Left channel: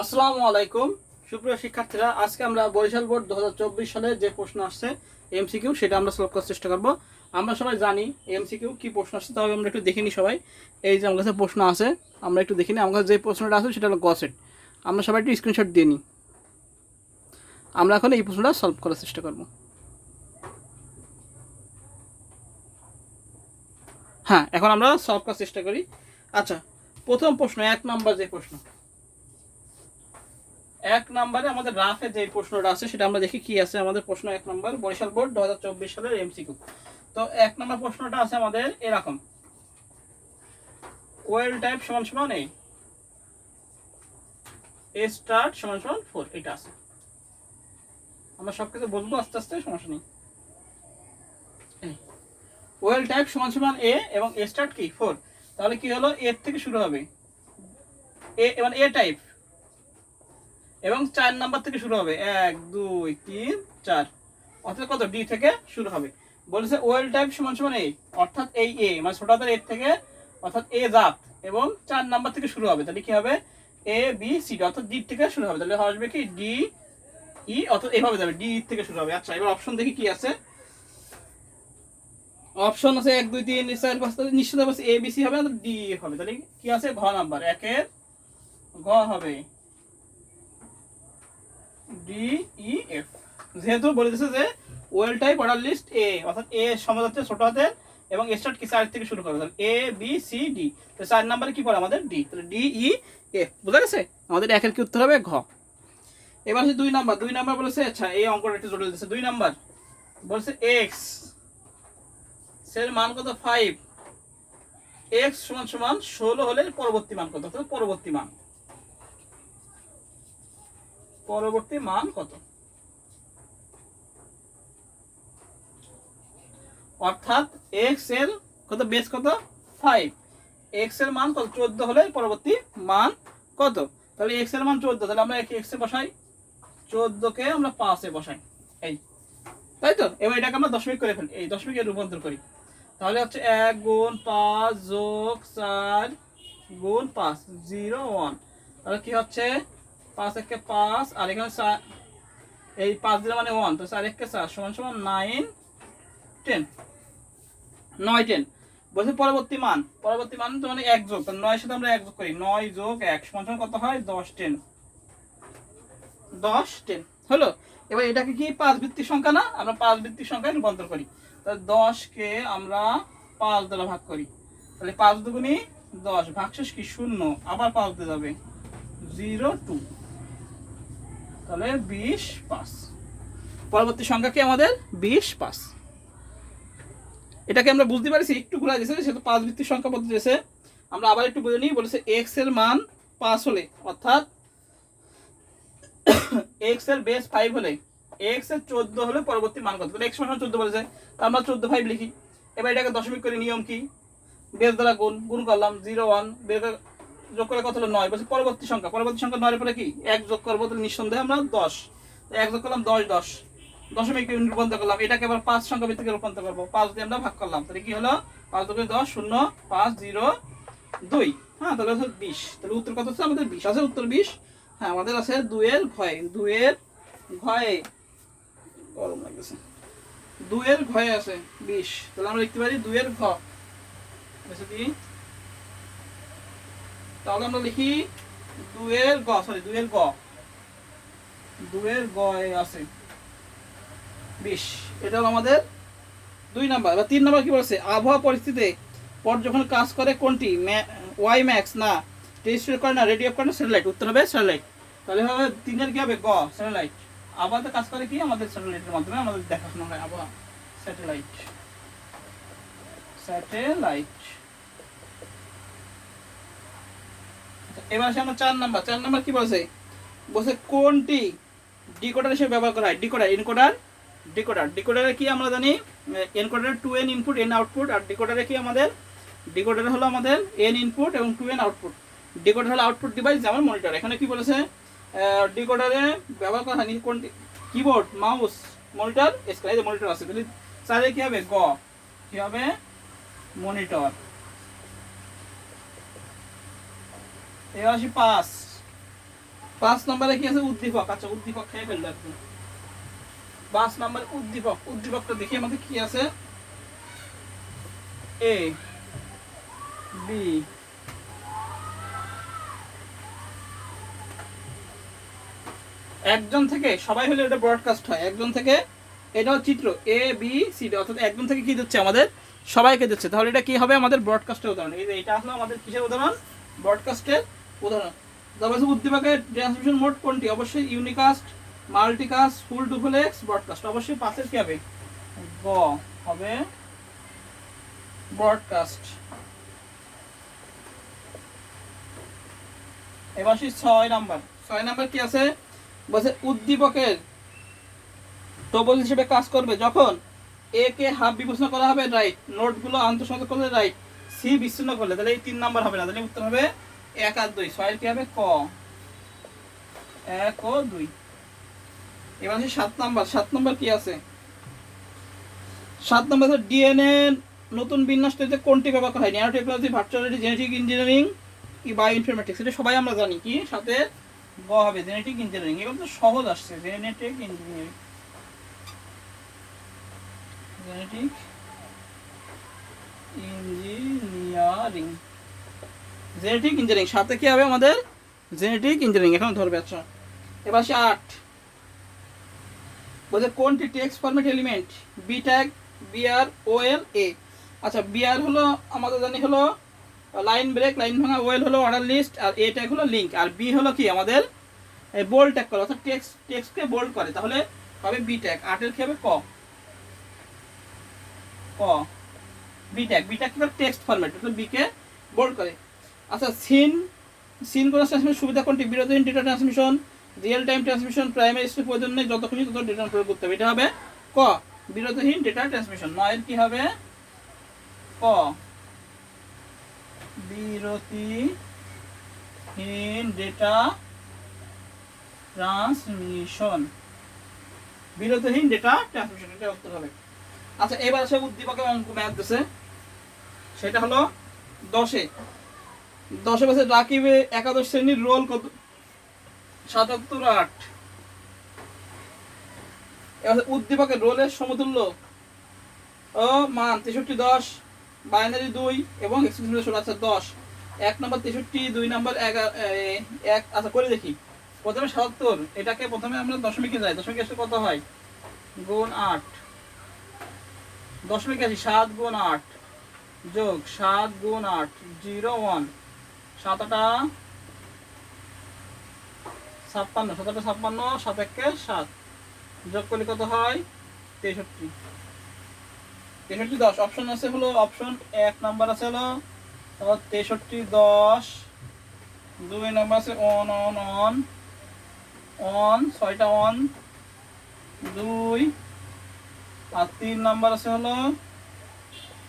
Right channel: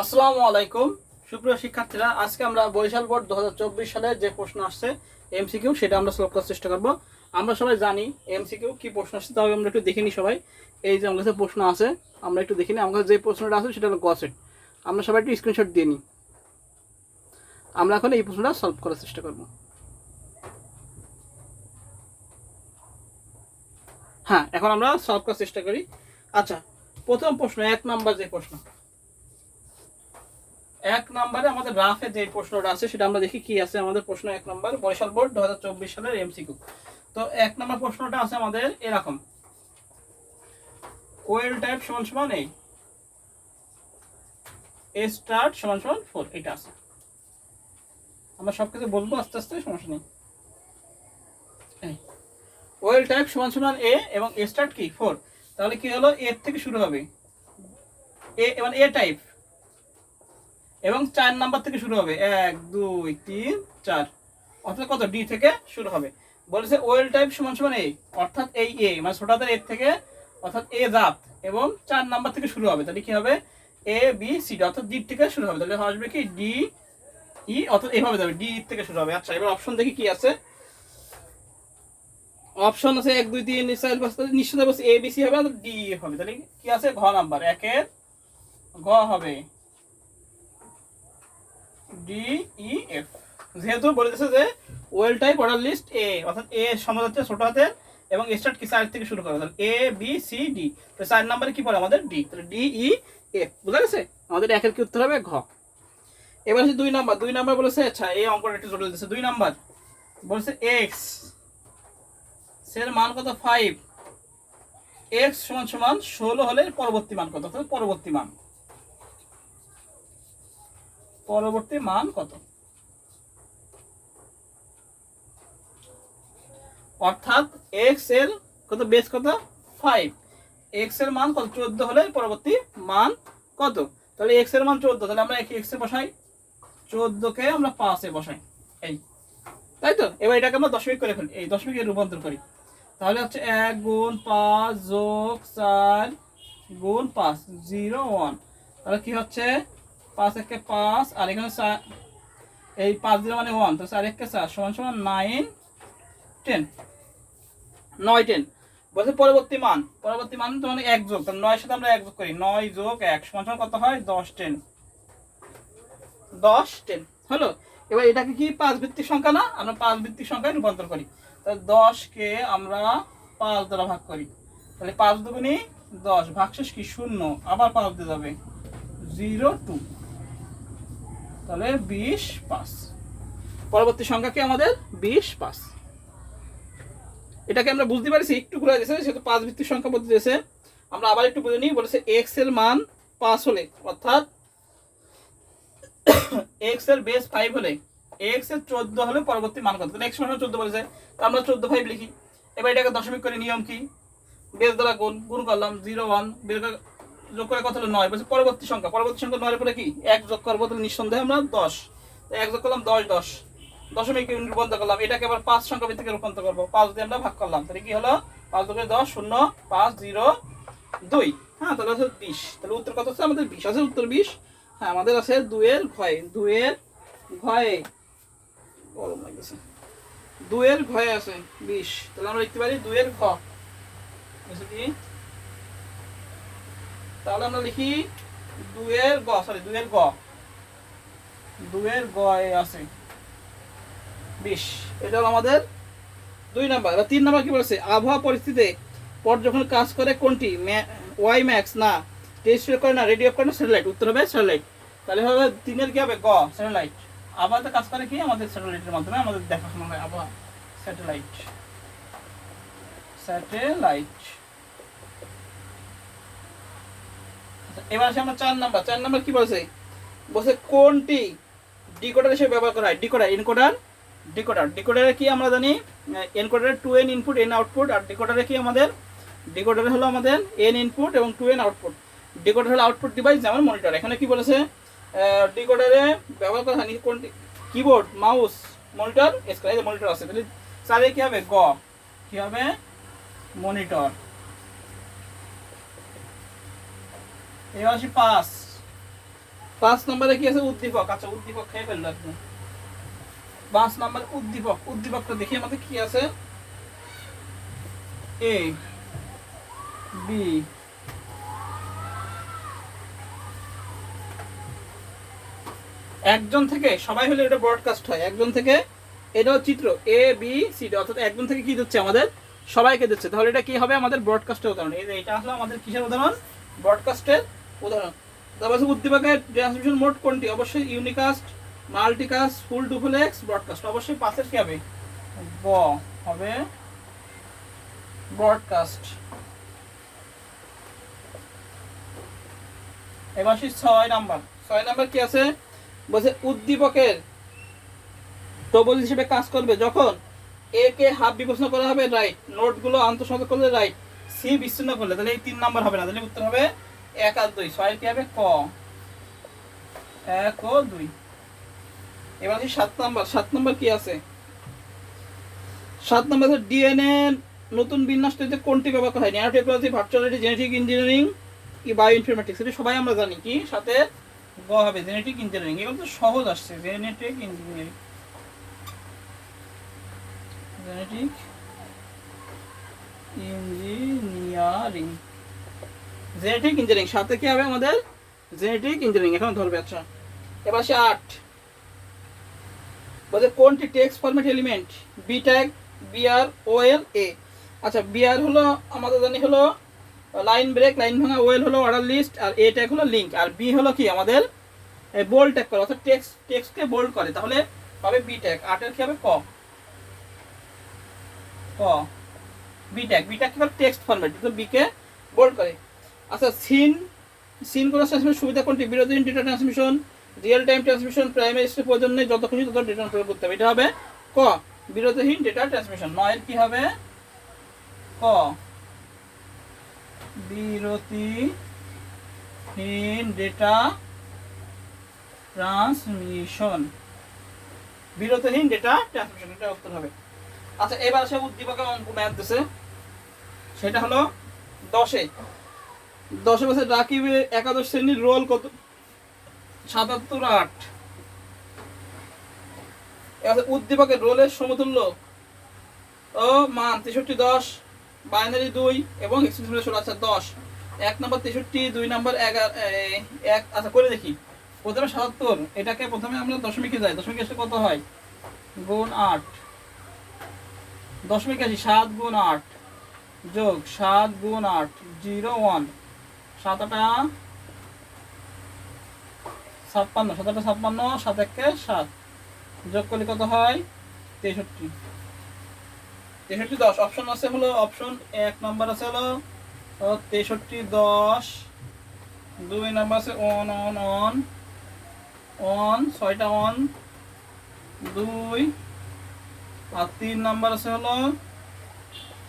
আসসালামু আলাইকুম সুপ্রিয় শিক্ষার্থীরা, আজকে আমরা বরিশাল বোর্ড 2024 সালে যে প্রশ্ন আসছে এমসিকিউ সেটা আমরা সলভ করার চেষ্টা করব। আমরা সবাই জানি এমসিকিউ কি প্রশ্ন আসছে, তবে আমরা একটু দেখে নিই সবাই। এই যে আমার কাছে প্রশ্ন আছে, আমরা একটু দেখে নিই। আমার কাছে যে প্রশ্নটা আছে সেটা হলো গসেট। আমরা সবাই একটু স্ক্রিনশট দিয়ে নিই। আমরা এখন এই প্রশ্নটা সলভ করার চেষ্টা করব। হ্যাঁ, এখন আমরা সলভ করার চেষ্টা করি। আচ্ছা, প্রথম প্রশ্ন 1 নাম্বার যে প্রশ্ন, 1 নম্বরে আমাদের রাফে যে প্রশ্নটা আছে সেটা আমরা দেখি কি আছে। আমাদের প্রশ্ন 1 নম্বর বরিশাল বোর্ড 2024 সালের এমসিকিউ। তো 1 নম্বর প্রশ্নটা আছে আমাদের এরকম, ওয়েল টাইপ সমান সমান এ স্টার্ট সমান সমান 4, এটা আছে। আমরা সবকিছু বলবো আস্তে আস্তে, সমস্যা নেই। ওয়েল টাইপ সমান সমান এ এবং এ স্টার্ট কি 4, তাহলে কি হলো, এর থেকে শুরু হবে এ, এবং এ টাইপ এবং 4 নাম্বার থেকে শুরু হবে, 1 2 3 4, অর্থাৎ কত, ডি থেকে শুরু হবে। বলেছে ওয়েল টাইপ সমান সমান এ, অর্থাৎ এই এ মানে ছোট হাতের এর থেকে, অর্থাৎ এ জাত এবং 4 নাম্বার থেকে শুরু হবে। তাহলে কি হবে, এ বি সি ডি, অর্থাৎ ডি থেকে শুরু হবে। তাহলে আসবে কি ডি ই, অর্থাৎ এভাবে যাবে, ডি থেকে শুরু হবে। আচ্ছা, এবার অপশন দেখি কি আছে। অপশন আছে 1 2 3 4 5, নিশ্চিত বলছে এ বি সি হবে, অর্থাৎ ডি হবে। তাহলে কি আছে, ঘ নাম্বার 1 এর ঘ হবে ডি ই এফ। যেহেতু বলে দিয়েছে যে ওয়েল টাইপ অর্ডার লিস্ট এ, অর্থাৎ এ সমাজ হচ্ছে ছোট হাতের এবং স্টার্ট কি 4 থেকে শুরু করবে, তাহলে এ বি সি ডি। তো 4 নম্বরে কি পড়ে আমাদের ডি, তাহলে ডি ই এফ। বুঝা গেছে, আমাদের একের কি উত্তর হবে ঘ। এবার হচ্ছে 2 নাম্বার। 2 নাম্বার বলেছে, আচ্ছা এই অঙ্কটা একটু জটিল দিয়েছে। 2 নাম্বার বলেছে এক্স এর মান কত 5, এক্স সমান সমান 16 হলে পরবর্তী মান কত, পরবর্তী মান কত। অর্থাৎ এক্স এর কত, বেস কত 5, এক্স এর মান কত 14 হলে পরবর্তী মান কত। তাহলে এক্স এর মান 14, তাহলে আমরা এক্স এ বসাই, 14 কে আমরা 5 এ বসাই, এই তাই তো। এবার এটাকে আমরা দশমিক করে ফেলি, এই দশমিকে রূপান্তর করি। তাহলে হচ্ছে 1 গুণ 5 যোগ 4 গুণ 5 0 1, তাহলে কি হচ্ছে 5 একে 5 আর এখানে 4, এই 5 0 মানে 1, তো 4 একে 4 সমান সমান 9 10, 9 10। বলছে পরবর্তী মান তো মানে 1 যোগ, তাহলে 9 এর সাথে আমরা 1 যোগ করি, 9 যোগ 1 সমান সমান কত হয় 10 10 হলো। এবার এটাকে কি 5 ভিত্তিক সংখ্যা না, আমরা 5 ভিত্তিক সংখ্যায় রূপান্তর করি। তাহলে 10 কে আমরা 5 দ্বারা ভাগ করি, তাহলে 5 দুগুণে 10, ভাগশেষ কি 0, আবার 5 দিয়ে যাবে 0 2, তাহলে 20 5। পরবর্তী সংখ্যা কি আমাদের 20 5। এটাকে আমরা বুঝতে পারছি, একটু ঘুরা দিয়েছে, সেহেতু 5 ভিত্তিক সংখ্যা পদ্ধতি দিয়েছে। আমরা আবার একটু বুঝে নিই। বলেছে এক্স এর মান 5 হলে, অর্থাৎ এক্স এর বেস 5 হলে, এক্স এর 14 হলে পরবর্তী মান কত। এক্স সমান 14 বলেছে, তো আমরা 14 5 লিখি। এবার এটাকে দশমিক করে, নিয়ম কি, বেস দ্বারা গুণ করলাম, 0 1 বের করে যোগ করে কত হলো 9। বলছে পরবর্তী সংখ্যা 9 এর পরে কি 1 যোগ করবো, তাহলে নিঃসন্দেহে আমরা 10, 1 যোগ করলাম 10 10, দশমিক রূপান্তর করলাম। এটাকে আবার 5 সংখ্যা ভিত্তিকে রূপান্তর করবো, 5 দিয়ে আমরা ভাগ করলাম, তাহলে কি হলো 5 2 10 0 5 0 2, হ্যাঁ তাহলে হচ্ছে 20। তাহলে উত্তর কত হচ্ছে আমাদের 20 আছে, উত্তর 20। হ্যাঁ, আমাদের আছে 2 এর ঘয়ে, 2 এর ঘয়ে গরম লাগছে, 2 এর ঘয়ে আছে 20, তাহলে আমরা লিখতে পারি 2 এর ঘ আছে কি, তাহলে আমরা লিখি 2 এর গ, সরি 2 এর গ, 2 এর গ আছে 20। এটা হলো আমাদের 2 নাম্বার। এবার 3 নাম্বার কি বলছে, আবহাওয়া পরিস্থিতিতে পর্যবেক্ষণ কাজ করে কোনটি, ওয়াই ম্যাক্স না, টেলিস্কোপ করে না, রেডিও করে না, স্যাটেলাইট। উত্তর হবে স্যাটেলাইট। তাহলে হবে 3 এর কি হবে গ, স্যাটেলাইট। আবহাওয়াতে কাজ করে কি, আমাদের স্যাটেলাইটের মাধ্যমে আমাদের দেখাশোনা হয় আবহাওয়া, স্যাটেলাইট। এবার আসে আমরা 4 নাম্বার। 4 নাম্বার কি বলছে, বলছে কোনটি ডিকোডার হিসেবে ব্যবহার করা হয়। ডিকোডার, এনকোডার, ডিকোডারে কি আমরা জানি, এনকোডারে 2n ইনপুট n আউটপুট, আর ডিকোডারে কি আমাদের, ডিকোডারে হলো আমাদের n ইনপুট এবং 2n আউটপুট। ডিকোডার হলো আউটপুট ডিভাইস, যেমন মনিটর। এখানে কি বলেছে, ডিকোডারে ব্যবহার করা হয় কোনটি, কিবোর্ড, মাউস, মনিটর, স্ক্রিন। এই যে মনিটর আছে, তাহলে 4 এ কি হবে গ, কি হবে মনিটর। এবার আসি 5, 5 নম্বরে কি আছে? উদ্দীপক। আচ্ছা, উদ্দীপক খেয়ে ফেললো একদম। 5 নম্বর উদ্দীপক। উদ্দীপকটা দেখি আমাদের কি আছে। এ বি একজন থেকে সবাই হলে এটা ব্রডকাস্ট হয়। একজন থেকে, এটাও চিত্র এ বি সি ডি, অর্থাৎ একজন থেকে কি দিচ্ছে? আমাদের সবাইকে দিচ্ছে। তাহলে এটা কি হবে? আমাদের ব্রডকাস্টের উদাহরণ। এই যে এটা আসলে আমাদের কিসের উদাহরণ? ব্রডকাস্টের উদাহরণ। তারপর উদ্দীপকের ট্রান্সমিশন মোড কোনটি? অবশ্যই unicast, multicast, full duplex, broadcast. অবশ্যই পাশের কি হবে? ব হবে ব্রডকাস্ট। এবার 6 নাম্বার। 6 নাম্বার কি আছে? বলছে উদ্দীপকের প্রবল হিসেবে কাজ করবে যখন এ কে হাফ বিবেচনা করা হবে, রাইট। নোটগুলো আন্তঃসংযোগ করলে, রাইট। সি বিচ্ছিন্ন করলে, তাহলে এই 3 নাম্বার হবে না, তাহলে উত্তর হবে 1 আর 2। 6 এর কি হবে? ক, 1 ও 2। এবার 7 নাম্বার। 7 নাম্বার কি আছে? 7 নাম্বার হচ্ছে ডিএনএ নতুন বিন্যাস তৈরিতে কোনটি ব্যবহার করা হয়? Nano technology, virtuality, genetic engineering কি বায়ো ইনফরমেটিক্স? এটা সবাই আমরা জানি। কি সাথে গ হবে? Genetic engineering. এগুলো তো সহজ আসছে। Genetic engineering, genetic engineering, genetic engineering. সাথে কি হবে আমাদের? Genetic engineering. এখন ধরবে। আচ্ছা, এবার 8 বলছে কোনটি text format element? B tag, BR, OL, A. আচ্ছা, বিআর হলো আমাদের জানি হলো লাইন ব্রেক, লাইন ভাঙা। ওএল হলো অর্ডার লিস্ট, আর এ ট্যাগ হলো লিঙ্ক, আর বি হলো কি আমাদের বোল্ড ট্যাগ করে, অর্থাৎ টেক্সটকে বোল্ড করে। তাহলে পাবে বি ট্যাগ। 8 এর কি হবে? ক, ক বি ট্যাগ। বি ট্যাগ কি করে? টেক্সট ফরম্যাট, অর্থাৎ বি কে বোল্ড করে। আচ্ছা, সিনক্রোনাস ট্রান্সমিশন সুবিধা কোনটি? বিরোধীহীন data transmission, real time transmission, primary step প্রয়োজন নেই, যত খুশি তত ডেটা প্রয়োগ করতে হবে। এটা হবে ক, বিরোধীহীন ডেটা ট্রান্সমিশন। 9 এর কি হবে? ক, বিরতিহীন ডেটা ট্রান্সমিশন। বিরতিহীন ডেটা ট্রান্সমিশন, এটা উত্তর হবে। আচ্ছা, এবার সে উদ্দীপকের অঙ্ক ম্যাথ দিছে, সেটা হলো 10-এ। 10-এ বছর রাকিবে একাদশ শ্রেণীর রোল কত? 77-8। এবার উদ্দীপকের রোলের সমতুল্য ও মান 63-10, বাইনারি 2 এবং এক্সপ্রেশন 16। আচ্ছা, 10 1 নম্বর 63, 2 নম্বর 1। আচ্ছা, করে দেখি। প্রথমে 77, এটাকে প্রথমে আমরা দশমিকে যাই। দশমিকে এসে কত হয়? গুণ 8। দশমিকে আসি 7 গুণ 8 যোগ 7 গুণ 8, 0 1। 7 8 56, 7 8 56, 7 1 7। যোগ করলে কত হয়? 63। 63 10। অপশন আছে হলো, অপশন 1 নাম্বার আছে হলো 63 10, 2 নাম্বার আছে অন অন অন অন, 6টা অন 2, আর 3 নাম্বার আছে হলো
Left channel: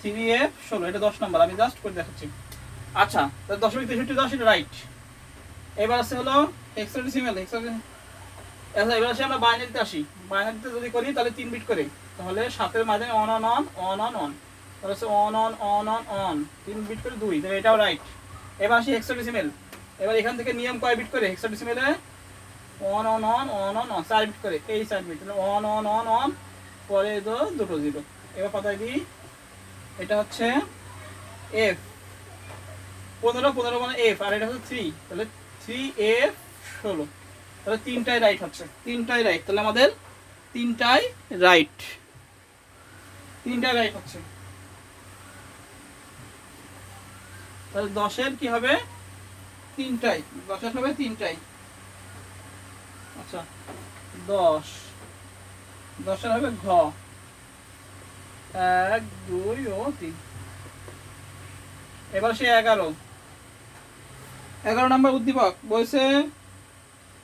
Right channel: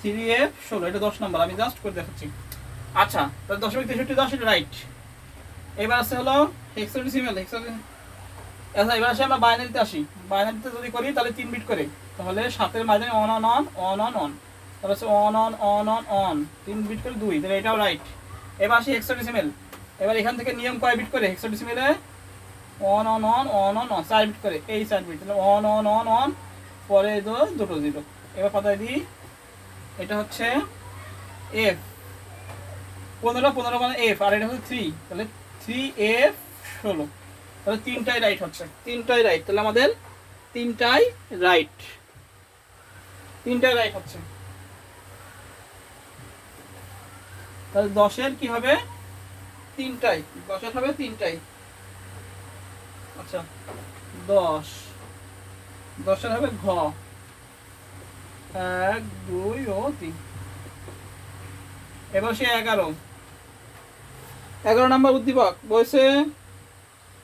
3F 16। এটা 10 নাম্বার, আমি জাস্ট করে দেখাচ্ছি। আচ্ছা, তাহলে 0.63 10, এটা রাইট। এবার আছে হলো হেক্সাডেসিমাল। আচ্ছা, এবার আসে আমরা বাইনারিতে আসি। বাইনারিতে যদি করি তাহলে 3 বিট করে, তাহলে 7-এর মাঝে on on on on on on, তাহলে হচ্ছে on on on on on, 3 bit করে 2, তাহলে এটাও রাইট। এবার আসি হেক্সাডেসিমাল। এবার এখান থেকে নিয়ম কয় বিট করে? হেক্সাডেসিমালে on on on on on on 4 bit করে, এই 4 বিট, তাহলে অন অন অন অন, পরে দুটো 0। এবার পাতায় দিই, এটা হচ্ছে এফ 15 মানে এফ, আর এটা হচ্ছে 3, তাহলে 3F 16। তাহলে 3টাই রাইট হচ্ছে, 3টাই রাইট। তাহলে আমাদের 3টাই রাইট, 3টাই রাইট হচ্ছে। তাহলে 10-এর কি হবে? 3টাই। 10-এর হবে 3টাই। আচ্ছা, 10-এর হবে ঘ, 1 2 ও 3। এবার সে 11 নাম্বার উদ্দীপক বলছে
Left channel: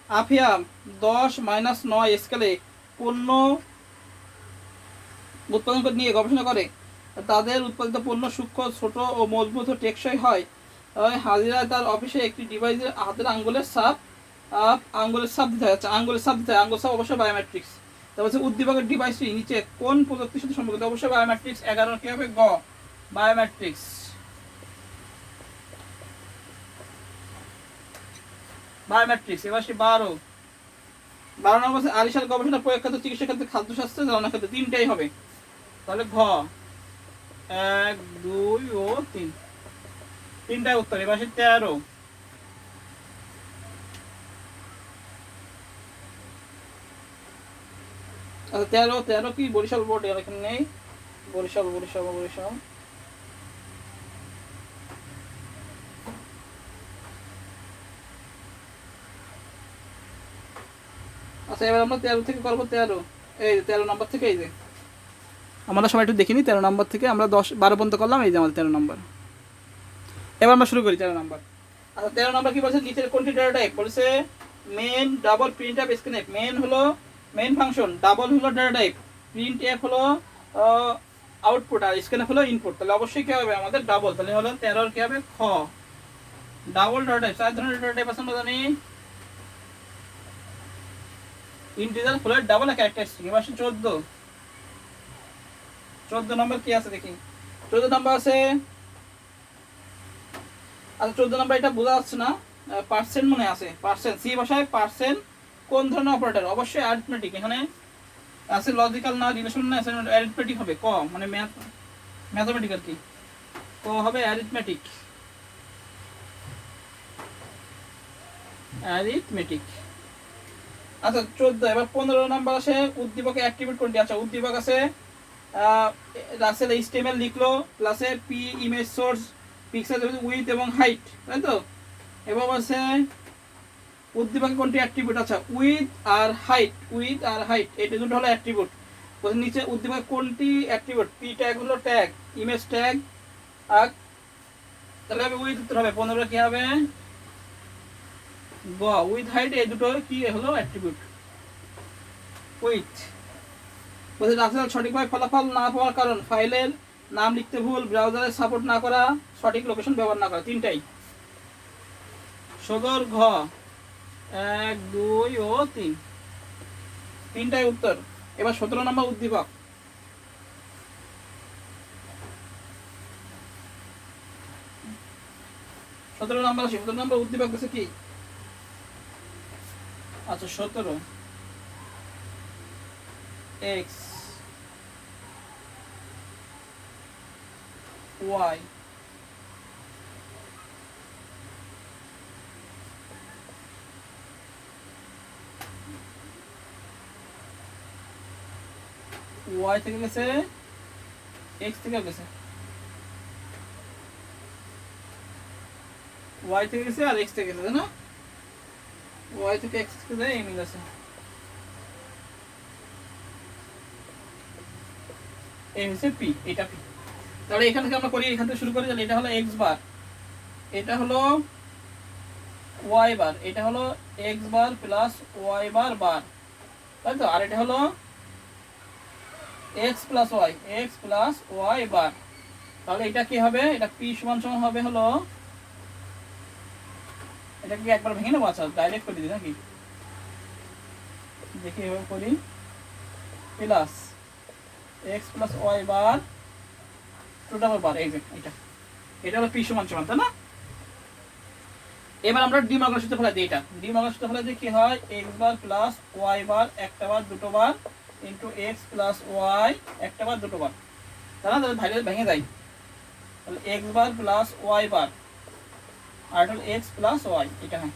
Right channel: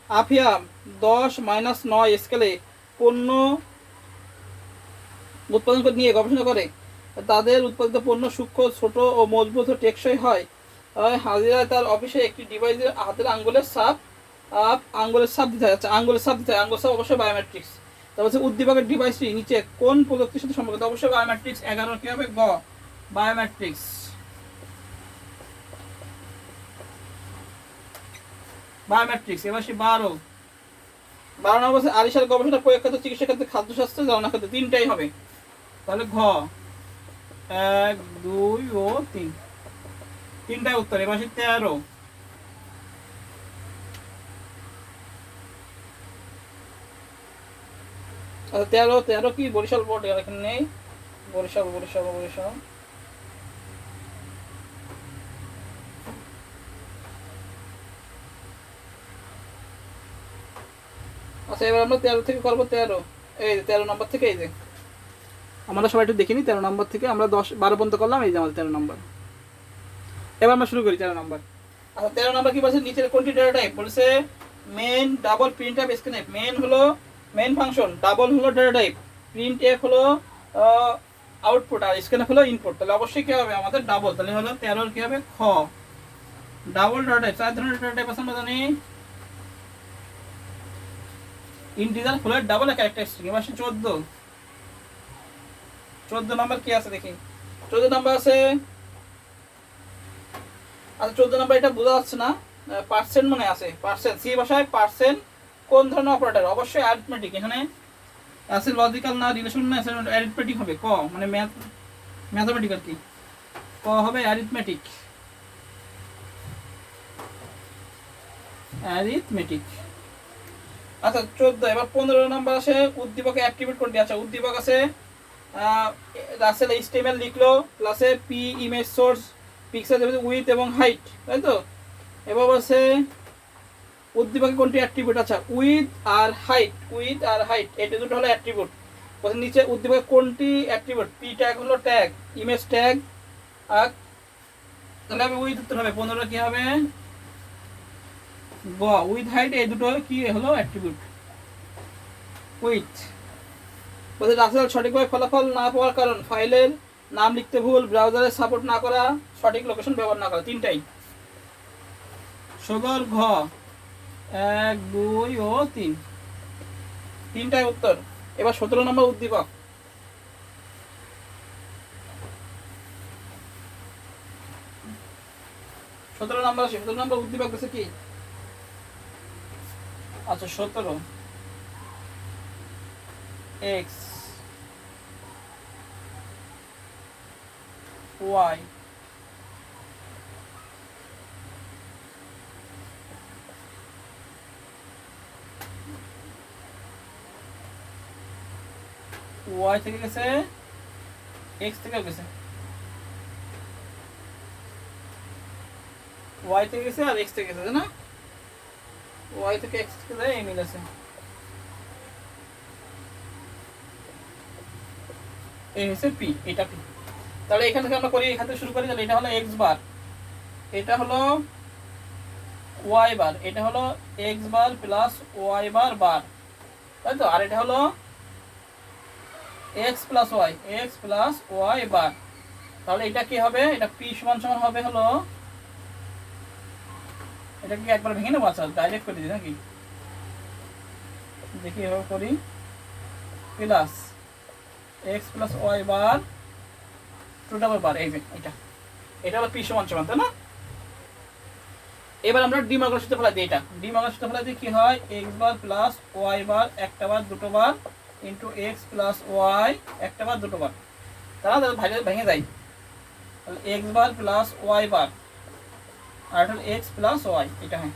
আফিয়াম 10 - 9 স্কেলে পণ্য উৎপাদন করে নিয়ে গবেষণা করে তাদের উৎপাদিত পণ্য সূক্ষ্ম, ছোট ও মজবুত ও টেকসই হয়। হাজিরা তার অফিসে একটি ডিভাইসের হাতের আঙ্গুলের ছাপ দিতে হয়। আচ্ছা, আঙ্গুলের ছাপ দিতে হয়। আঙ্গুলের ছাপ অবশ্যই বায়োমেট্রিক্স। তারপর হচ্ছে উদ্দীপকের ডিভাইসটি নিচে কোন প্রযুক্তির সাথে সম্পর্কিত? অবশ্যই বায়োমেট্রিক্স। 11 কি হবে? গ, বায়োমেট্রিক্স। বায়োমেট্রিক্স। এবার সে 12 নম্বর আছে আরিশার গবেষণা প্রয়োগ ক্ষেত্রে, চিকিৎসা ক্ষেত্রে, খাদ্যশাস্ত্র, জ্বালানা ক্ষেত্রে, তিনটাই হবে। তাহলে ঘ 1 2 ও 3, তিনটাই উত্তর। এবার সে 13। আচ্ছা 13 কি বরিশাল বোর্ড, আর এখানে নেই। বরিশাল। আচ্ছা এবার আমরা 13 থেকে করবো। 13 এই 13 নম্বর থেকে, এই যে আমরা সবাই একটু দেখিনি, 13 নম্বর থেকে আমরা 10 12 পর্যন্ত করলাম, এই যে আমাদের 13 নম্বর। এবার আমরা শুরু করি 13 নম্বর। আচ্ছা 13 নম্বর কি বলছে, নিচের কোনটি ডেটা টাইপ? বলছে main, double, print f, scanf. Main হলো মেন ফাংশন, ডাবল হলো ডেটা টাইপ, প্রিন্ট এফ হলো আউটপুট, আর স্ক্যানএফ হলো ইনপুট। তাহলে অবশ্যই কি হবে আমাদের ডাবল। তাহলে হলো 13 কি হবে, খ ডাবল ডেটা টাইপ। 4 ধরনের ডেটা টাইপ আছে আমরা জানি, ইন্টিজার, ফ্লোট, ডাবল, ক্যারেক্টারিস্টিক। এবার 14 নম্বর কি আছে দেখি। 14 নম্বর আছে, আচ্ছা 14 নম্বর এটা বোঝা যাচ্ছে না, পার্সেন্ট মনে আছে। পার্সেন্ট, সি ভাষায় পার্সেন্ট কোন ধরনের অপারেটর? অবশ্যই অ্যারিথমেটিক। এখানে আছে লজিক্যাল না, রিলেশন না, অ্যারিথমেটিক হবে। ক মানে ম্যাথমেটিক আর কি। ক হবে অ্যারিথমেটিক। আচ্ছা 14। এবার 15 নম্বর আসে উদ্দীপকে অ্যাক্টিভেট কোনটি? আচ্ছা উদ্দীপক আছে রাসেল এইচটিএমএল লিখলো, প্লাসে P image source, pixel with এবং হাইট, তাই তো। এবার আছে উদ্দীপকে কোনটি অ্যাট্রিবিউট? আচ্ছা উইথ আর হাইট, এটা দুটো হলো অ্যাট্রিবিউট। বলছে নিচে উদ্দীপকে কোনটি অ্যাট্রিবিউট? পি ট্যাগ হলো ট্যাগ, ইমেজ ট্যাগ, আর তাহলে হবে উইথ, উত্তর হবে 15 কি হবে, গ উইথ হাইট, এই দুটো কি হলো অ্যাট্রিবিউট। উইথ। বলছে রাসেল সঠিকভাবে ফলাফল না পাওয়ার কারণ, ফাইলের নাম লিখতে ভুল, ব্রাউজারে সাপোর্ট না করা, সঠিক লোকেশন ব্যবহার না করা, তিনটাই। সগর ঘ 1 2 ও 3, তিনটাই উত্তর। এবার 17 নম্বর উদ্দীপক। 17 নম্বর উদ্দীপক বলছে কি? আচ্ছা 17 x y y থেকে গেছে, x থেকে গেছে, y থেকে গেছে আর x থেকে গেছে, না y থেকে x থেকে যায়, এই মিল আছে। এই হচ্ছে p, এটা p। তাহলে এখান থেকে আমরা করি, এখান থেকে শুরু করি। তাহলে এটা হলো x বার, এটা হলো y বার, এটা হলো x বার প্লাস y বার, তাই তো। আর এটা হলো x প্লাস y বার। তাহলে এটা কি হবে, এটা p সমান সমান হবে হলো, এটা কি একবার ভেঙে নেবো? আচ্ছা ডাইরেক্ট করে দিই নাকি, দেখি এভাবে করি, plus x plus y bar to double বার, এই যে এটা হলো p সমান সমান, তাই না। এবার আমরা ডিমগ্রাফ সূত্র ফেলাই দিই। এটা ডিমগ্রাফ সূত্র ফেলাই দিই, কি হয়, x বার প্লাস y বার, একটা বার দুটো বার, ইন্টু x প্লাস y, একটা বার দুটো বার, তারা তাহলে ভেঙে যায়। তাহলে x বার প্লাস y বার, আর এটা হলো x প্লাস y, এটা হয়।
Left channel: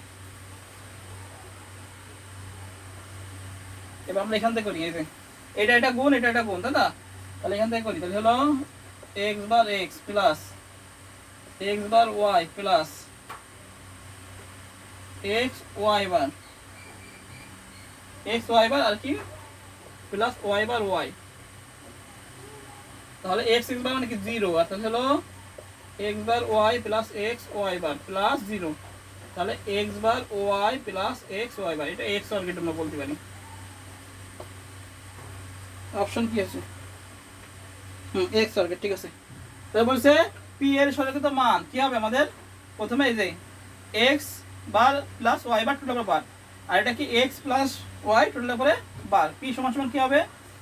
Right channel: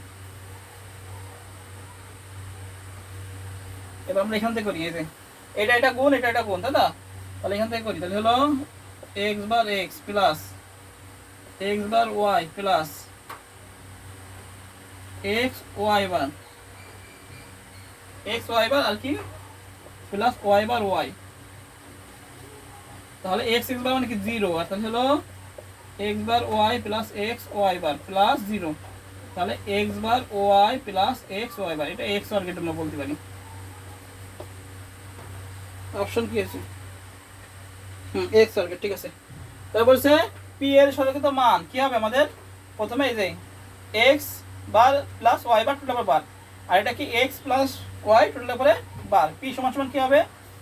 এবার আমরা এখান থেকে করি, এই যে এটা গুণ, এটা গুণ, তাই না। তাহলে এখান থেকে করি, তাহলে হলো x বার x প্লাস x বার y প্লাস x y বার, আর কি প্লাস y বার y। তাহলে x বার মানে কি 0, আর তাহলে হলো x বার y প্লাস x y বার প্লাস 0। তাহলে x বার y প্লাস x y বার, এটা x বর্গের জন্য বলতে পারি। অপশন কি আছে? x বর্গের, ঠিক আছে। তাহলে বলছে p এর সরলকৃত মান কি হবে আমাদের? প্রথমে এই যে x bar plus y bar to double bar, আর এটা কি x plus y to double bar, p সমান সমান কি হবে?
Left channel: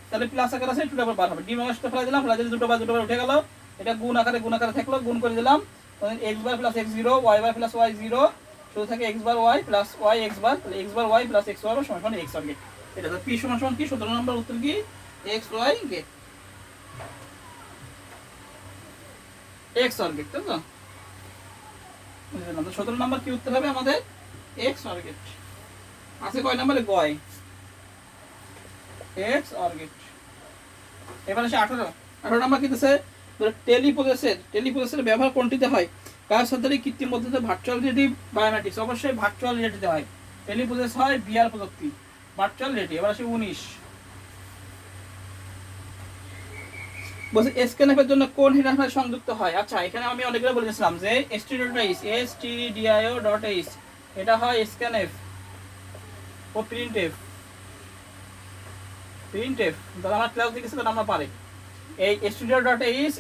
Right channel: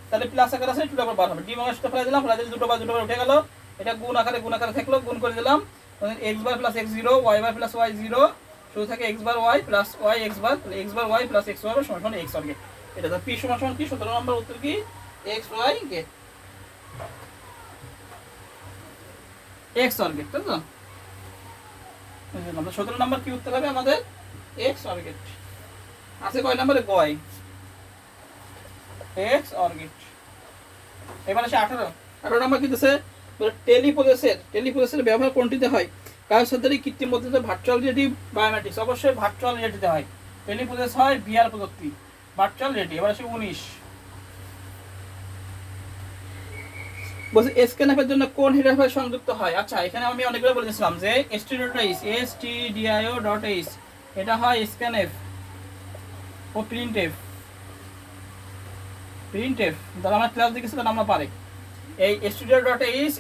তাহলে প্লাস আকার আছে, টু ডাবল বার হবে। ডিমগ্রাফ ফেলে দিলাম, ফেলে দিলে দুটো বার উঠে গেল। এটা গুণ আকারে থাকলো, গুণ করে দিলাম। x bar plus x 0, y বার প্লাস y 0, শুরু থাকে x bar Y plus Y x bar, তাহলে x bar Y plus x Y সমান এক্স অর গেট। এটা তো পি সমান সমান কি 17 নম্বর উত্তর কি x y gate, x or gate, তাই তো? 17 নম্বর কি উত্তর হবে আমাদের এক্স অর গেট। আছে কয় নম্বরে গয় এক্স অর গেট। এবার আসে 18 নম্বর কি দিতেছে, টেলিপ্রসেসের ব্যবহার কোনটিতে হয়? কারোর সাথে কৃত্রিম পদ্ধতি ভার্চুয়াল রিয়েলিটি বায়োমেট্রিক্স, অবশ্যই ভার্চুয়াল রিয়েলিটিতে হয়। টেলিপ্রসেস হয় ভিআর প্রযুক্তি, ভার্চুয়াল রিয়েলিটি। এবার আসে 19 বলছে স্ক্যানএফের জন্য কোন হেডার ফাইল সংযুক্ত হয়? আচ্ছা এখানে আমি অনেকগুলো বলেছিলাম যে stdio.h এটা হয় স্ক্যানএফ ও প্রিন্টএফ। যারা আমার ক্লাস দেখেছে তারা আমরা পারে এই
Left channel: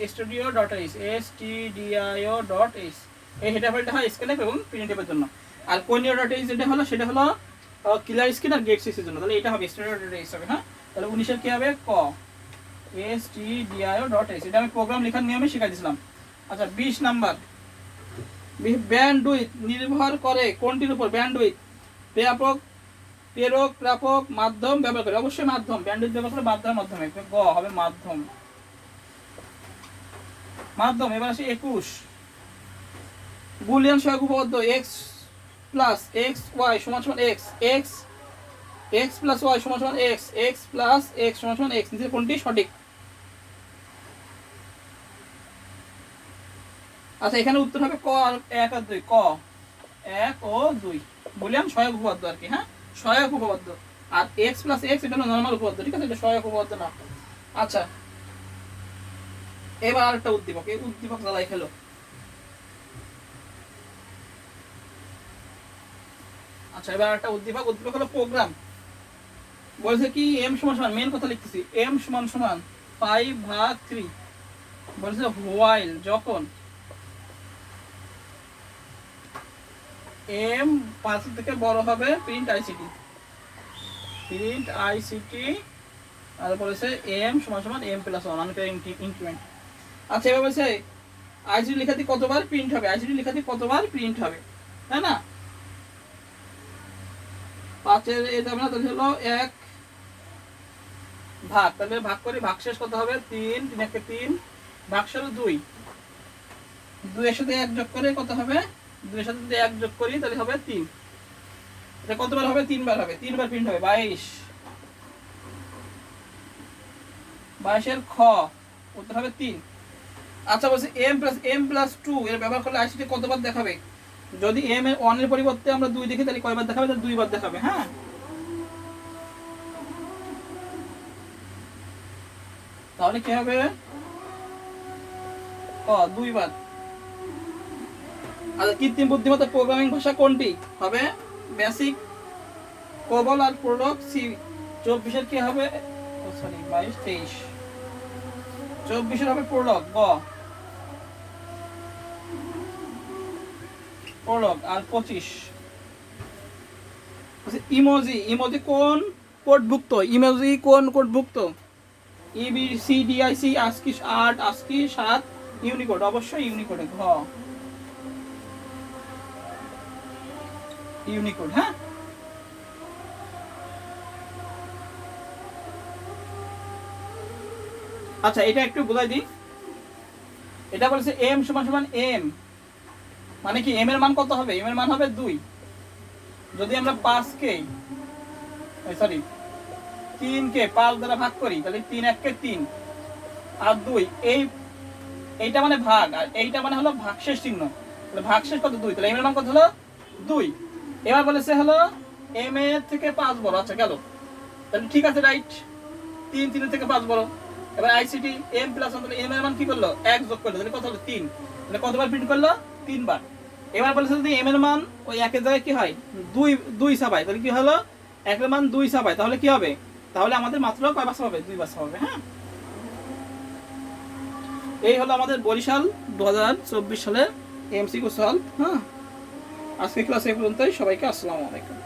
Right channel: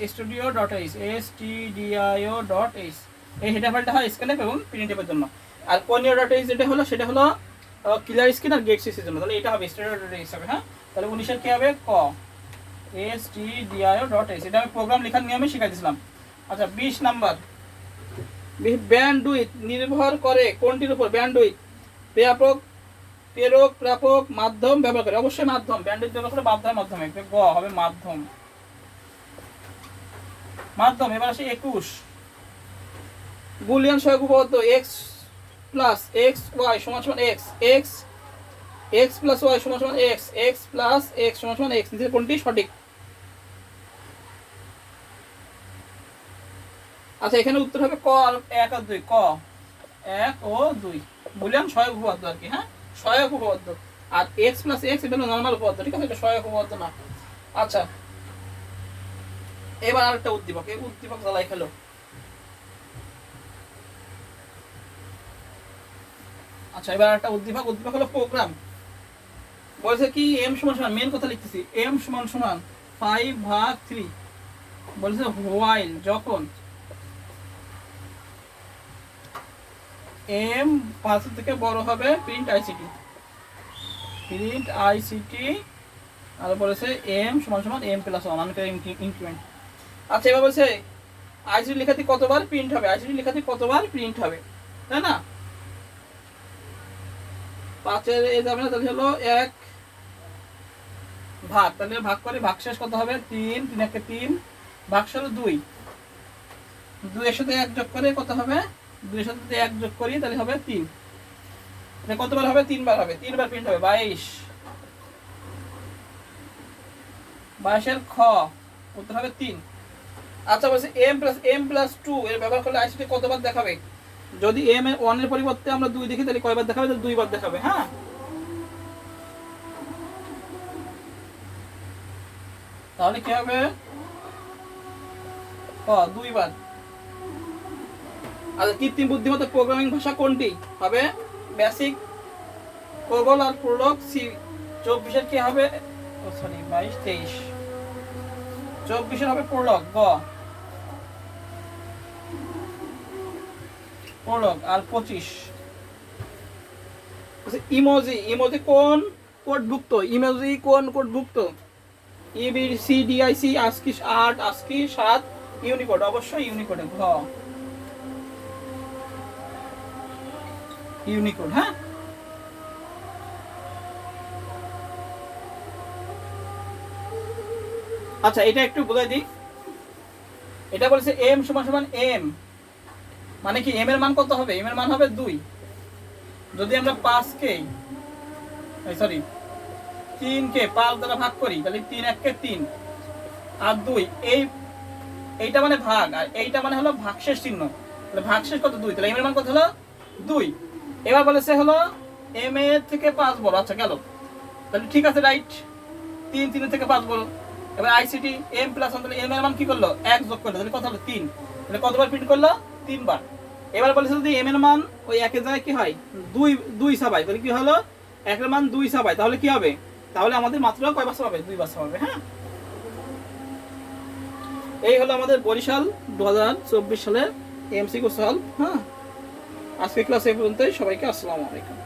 stdio.h এই হেডার ফাইলটা হয় স্ক্যানএফ এবং প্রিন্টএফের জন্য। আর conio.h যেটা হলো সেটা হলো ক্লিয়ার স্ক্রিন আর গেট সিসির জন্য। তাহলে এটা হবে stdio.h হবে। হ্যাঁ, তাহলে 19 এর কি হবে ক stdio.h। এটা আমি প্রোগ্রাম লেখার নিয়মে শিখাইছিলাম। আচ্ছা 20 নাম্বার, ব্যান্ডউইথ নির্ভর করে কোনটির উপর? ব্যান্ডউইথ প্রেরক প্রাপক মাধ্যম ব্যবহার করে, অবশ্যই মাধ্যম। ব্যান্ডউইথ ব্যবহার করে মাধ্যমে গ হবে মাধ্যম। এবার আসে 21 বুলিয়ান সহগ উপপাদ্য x প্লাস এক্স ওয়াই সমান সমান এক্স, এক্স প্লাস ওয়াই সমান সমান এক্স, এক্স প্লাস এক্স সমান সমান এক্স, নিচের কোনটি সঠিক? আচ্ছা এখানে উত্তর হবে ক আর 1 আর 2, ক 1 ও 2 বুলিয়ান সহায়ক উপপাদ্য আর কি। হ্যাঁ, সহায়ক উপপাদ্য। আর x প্লাস x এটা নরমাল উপপাদ্য, ঠিক আছে? এটা সহায়ক উপপাদ্য না। আচ্ছা এবার আরেকটা উদ্দীপক, এই উদ্দীপক জ্বালাই খেলো। আচ্ছা এবার একটা উদ্দীপক হলো প্রোগ্রাম। বলছে কি m সমান সমান, মেন কথা লিখতেছি, m সমান সমান 5/3। বলছে হোয়াইল যখন m 5 থেকে বড় হবে প্রিন্ট আইসিটি আর বলেছে m সমান সমান m প্লাস 1 আনকার ইনক্রিমেন্ট। আচ্ছা এবার বলছে আইসিটি লেখাতে কতবার প্রিন্ট হবে, তাই না? 5 এর এই যাবে না, তাহলে হলো 1 ভাগ, তাহলে ভাগ করে ভাগশেষ কত হবে 3, 3 একে 3, ভাগশেষ 2 এর সাথে 1 যোগ করে কত হবে? 2 এর সাথে যদি 1 যোগ করি তাহলে হবে 3। এটা কতবার হবে? 3 বার হবে, 3 বার প্রিন্ট হবে 22 এর খ উত্তর হবে 3। আচ্ছা বলছে m প্লাস 2 এর ব্যবহার করলে আইসিটি কতবার দেখাবে? যদি m এর 1 এর পরিবর্তে আমরা 2 দেখি তাহলে কয়বার দেখাবে? তাহলে 2 বার দেখাবে। হ্যাঁ, তাহলে কি হবে? 2 বার। আর কৃত্রিম বুদ্ধিমত্তা প্রোগ্রামিং ভাষা কোনটি হবে? বেসিক, কোবল আর প্রোলগ। সি 24 এর কি হবে? 22 23 24 এর হবে প্রোলগ, গ প্রোলগ। আর 25 ইমোজি কোন কোডভুক্ত? EBCDIC, ASCII 8, ASCII 7, ইউনিকোড, অবশ্যই ইউনিকোডে ঘ ইউনিকোড। হ্যাঁ, আচ্ছা এটা একটু বোঝাই দিই। এটা বলছে m সমান সমান m, মানে কি m এর মান কত হবে? m এর মান হবে 2। যদি আমরা 3 কে 5 দ্বারা ভাগ করি তাহলে 3 1 কে 3 আর 2 এইটা মানে ভাগ, আর এইটা মানে হলো ভাগশেষ চিহ্ন। তাহলে ভাগশেষ কত? 2, তাহলে m এর মান কত হলো 2। এবার বলেছে হলো m এর থেকে 5 বড়। আচ্ছা গেল, তাহলে ঠিক আছে, রাইট। 3 3 থেকে 5 বড়। এবার আইসিটি m প্লাস 1, তাহলে m এর মান কি করলো? 1 যোগ করলো, তাহলে কত হলো 3। তাহলে কতবার প্রিন্ট করলো? 3 বার। এবার বলেছে যদি m এর মান ওই 1 এর জায়গায় কি হয় 2 ছাপায়, তাহলে কি হলো 1 এর মান 2 ছাপায়, তাহলে কি হবে? তাহলে আমাদের মাত্র কয় বার ছাপাবে? 2 বার ছাপাবে। হ্যাঁ, এই হলো আমাদের বরিশাল 2024 সালের এমসিকিউ সলভ। হ্যাঁ, আজকে ক্লাস এই পর্যন্তই। সবাইকে আসসালামু আলাইকুম।